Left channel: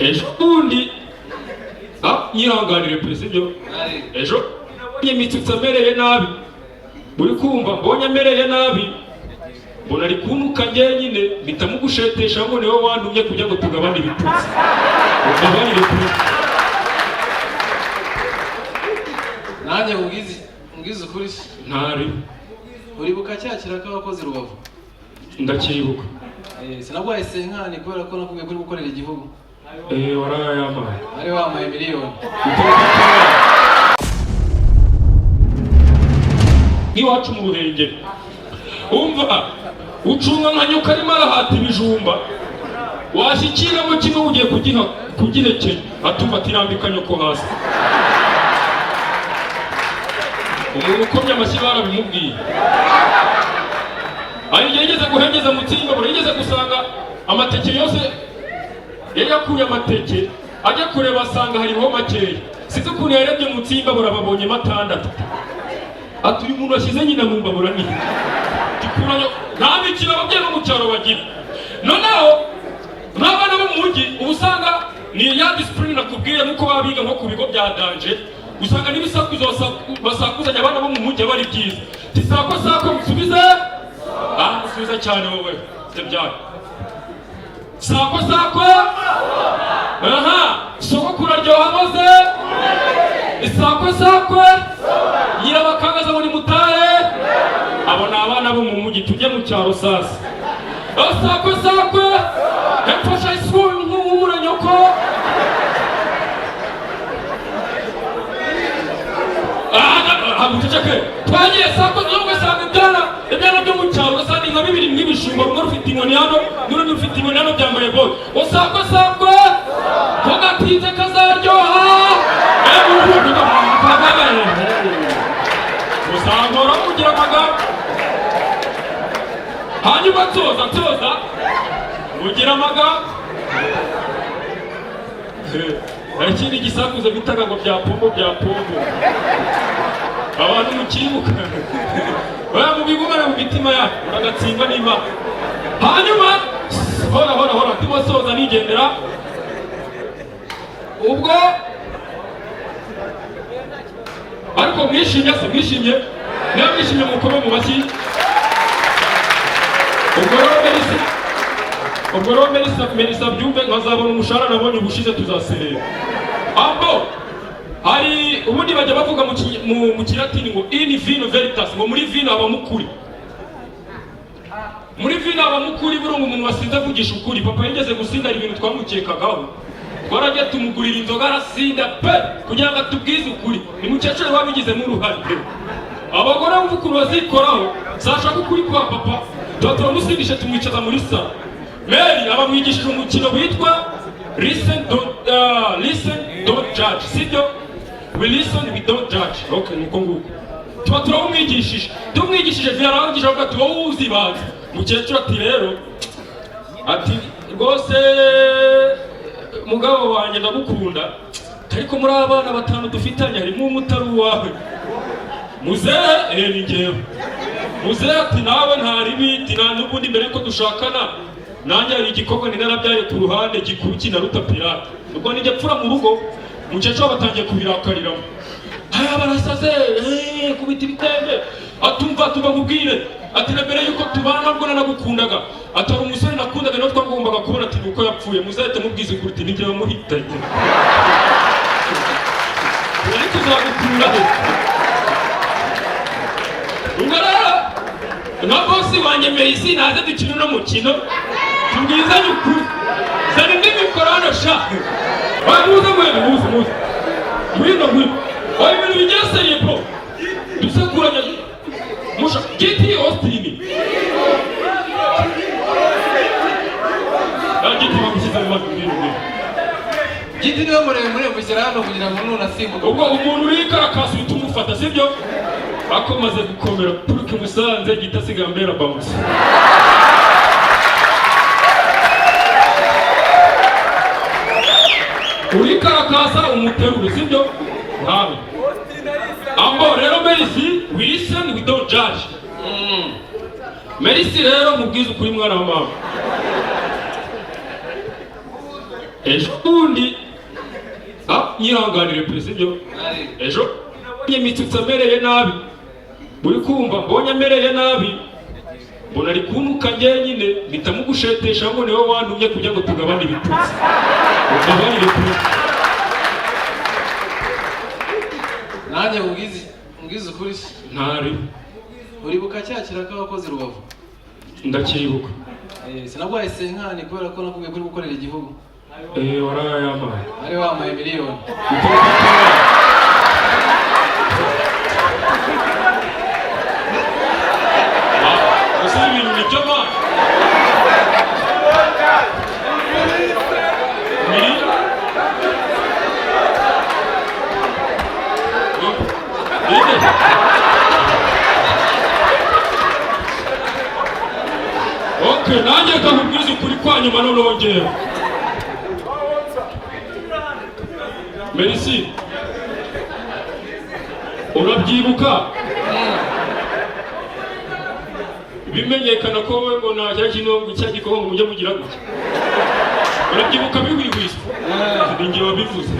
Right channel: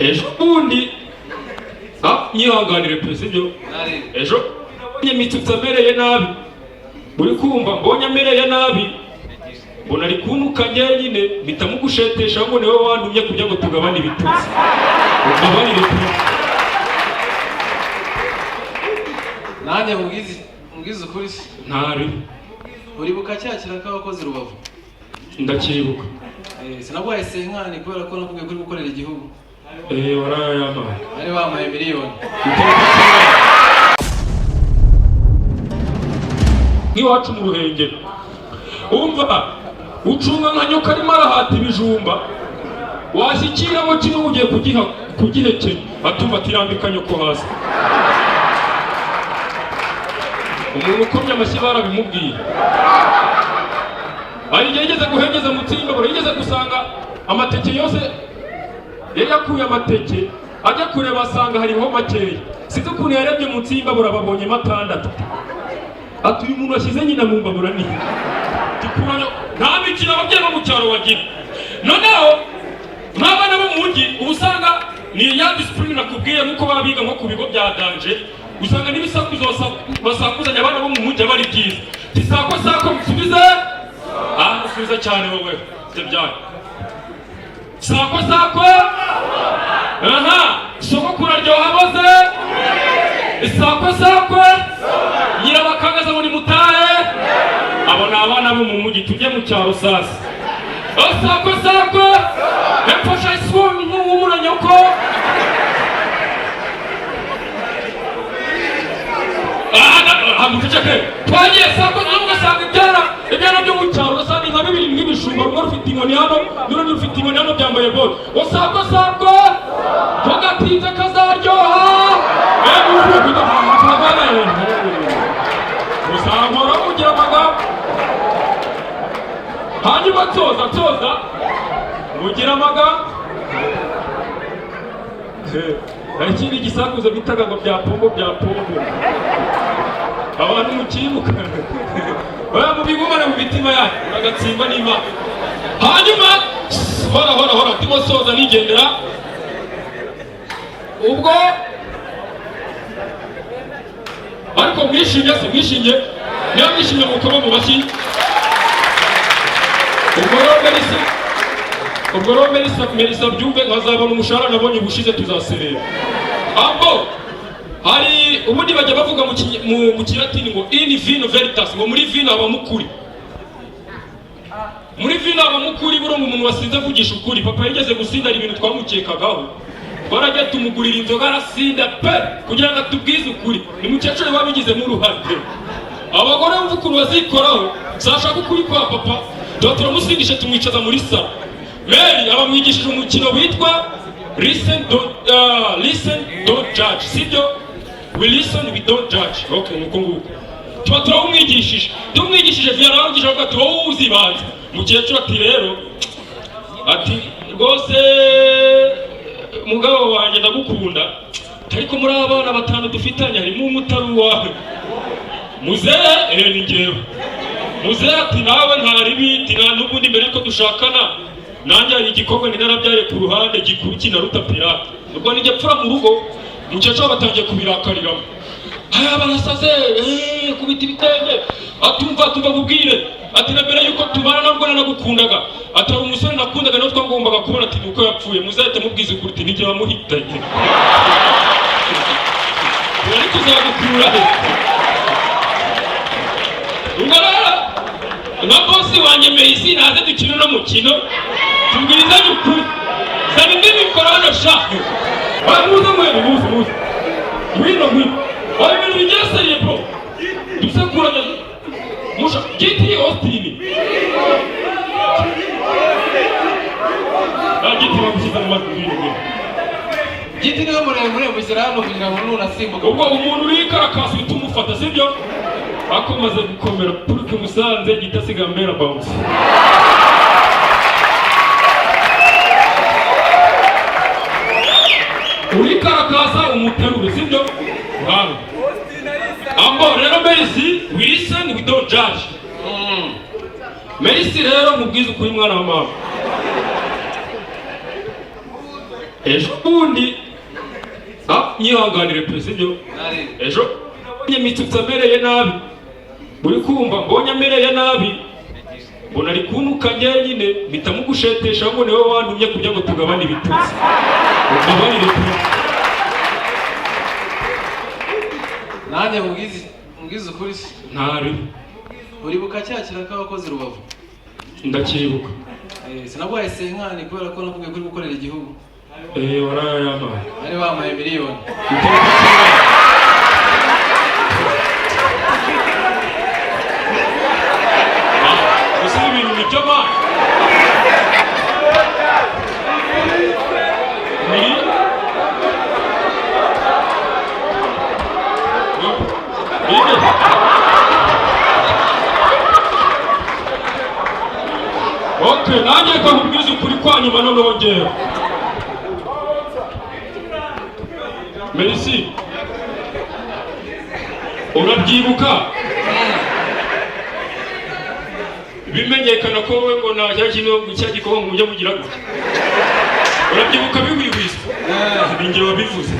ejo bundi nyihanganire perezida ejo nyemitutse amereye nabi uri kumva mbonye amereye nabi mbona ari kuntuka nyine mpita mugushetesha ngo niwe wandumye kugira ngo tugabane ibitutsi ugabanire perezida nanjye mubwize ukuri se ntari uribuka cya kiraka wakoze Rubavu ndacyibuka sinagwaye senkani kubera ko nakubwiye kuri gukorera igihugu warayamaye ari wamaye miliyoni nk'iwacu mu Ruhengeri umva ucunga nka nyoka arimo arahata ibijumba washyikiramo kimwe ugiye kugihekenya atumva atirambika nyoko hasi umuntu ukomye amashyi barabimubwiye hari igihe yigeze guhengeza mu tsimbabura yigeze gusanga amateke yose yari yakuye amateke ajya kureba asanga hariho makeya sinzi ukuntu yarebye mu tsimbabura babonyemo 6 ati uyu muntu washyize nyina mu mbabura ni nta mikino ababyeyi bo mu cyaro bagira noneho n'abana bo mu mujyi uba usanga ni ya disipurine nakubwiye nk'uko baba biga nko ku bigo bya danje usanga n'ibisakuzo basakuzanya abana bo mu mujyi aba ari byiza tisako sako musubize musubiza cyane wowe se byane sako sako sogokuru aryoha maze sako sako nyirabakagaza ngo nimutahe abo ni abana bo mu mujyi tujye mu cyaro sasa sako sako hepfasha isibuni nk'umuranyoko hamuceceke twagiye sako ugasanga ibyana byo mu cyaro ugasanga inka bibiri mw'ibishumba rumwe rufite inkoni hano n'urundi rufite inkoni hano byambaye bote sako sako tugatinze kazaryoha usanga kugira amagambo hanyuma toza ugira amagambo ikindi gisakuzo bitaga ngo bya pombo abantu mukibuka mu bigumane mu mitima yacu uragatsimba n'Imana hanyuma hora ndimo soza nigendera ubwo ariko mwishimye niyo mwishimye mukome mu mashyi ubwo rero Melissa byumve nkazabona umushahara nabonye ubushize tuzaserera hari ubundi bajya bavuga mu kilatini ngo in vino veritas ngo muri vino habamo ukuri buriya umuntu wasinze avugisha ukuri papa yigeze gusinda ibintu twamukekagaho twarajya tumugurira inzoga arasinda pe kugira ngo atubwize ukuri ni mukecuru wabigizemo uruhare abagore bumva ukuntu bazikoraho zashaka ukuri kwa papa tuba turamusindisha tumwicaza muri salo Mary abamwigishije umukino witwa listen don't judge sibyo we listen we don't judge okay nuko nguko tuba tumwigishije vyarangije avuga ati wowe uzibanze mukecuru ati rero ati rwose mugabo wanjye ndagukunda ariko muri abana 5 dufitanye harimo umutari wawe muzehe ni njyewe muzehe ati nawe ntaribiti nta n'ubundi mbere yuko dushakana nanjye hari igikorwa ninarabyaye ku ruhande gikuru kinaruta pirate ubwo nijye pfura mu rugo mukecuru batangiye kubirakariramo barasaze kubita ibitenge atumva kubwire ati na mbere yuko tubana nabwo nanagukundaga ati hari umusore nakundaga nawe twagombaga kubona ati nuko yapfuye muzahite mubwize ukuri ati nijye wamuhitanye wari tuzagukura he ubwo rero nka bosi wanjye Melissa naze dukina uno mukino tubwizanye ukuri zana indi mikoro hano sha muze mwino wari ibintu bigiye seriye po dusekuranye musha giti Austin giti bagushyize mu mazuru giti niwe muremure mushyira hano kugira ngo nunasimbuka ubwo umuntu wikarakasi uhita umufata sibyo akomaze gukomera puruke Musanze giti asigaye mbera bounce urikarakasa umuteruro sibyo hano rero Melissa we listen we don't judge Melissa rero mubwiza ukuri mwana wa mama ejo bundi nyihanganire pe sibyo ejo mbonye Mitsutsi amereye nabi uri kumva mbonye amereye nabi mbona ari kuntuka njyenyine mpita mugushetesha ngo niwe wantumye kugira ngo tugabane ibitutsi ugabanire pe nanjye mubwize ukuri ntari uribuka cya kiraka wakoze Rubavu ndacyibuka sinagwaye senkani kubera ko nakubwiye kuri gukorera igihugu warayamaye ari wamaye miliyoni gusa ibintu nibyo ma Okay, nanjye kakubwiza ukuri kwa nyuma nonongera. Merci. Urabyibuka? Bimenyekana ko wowe ngo nta kintu cya gikongo mujya mugira gutya. Urabyibuka bihwihwisa? Ninjye wabivuze.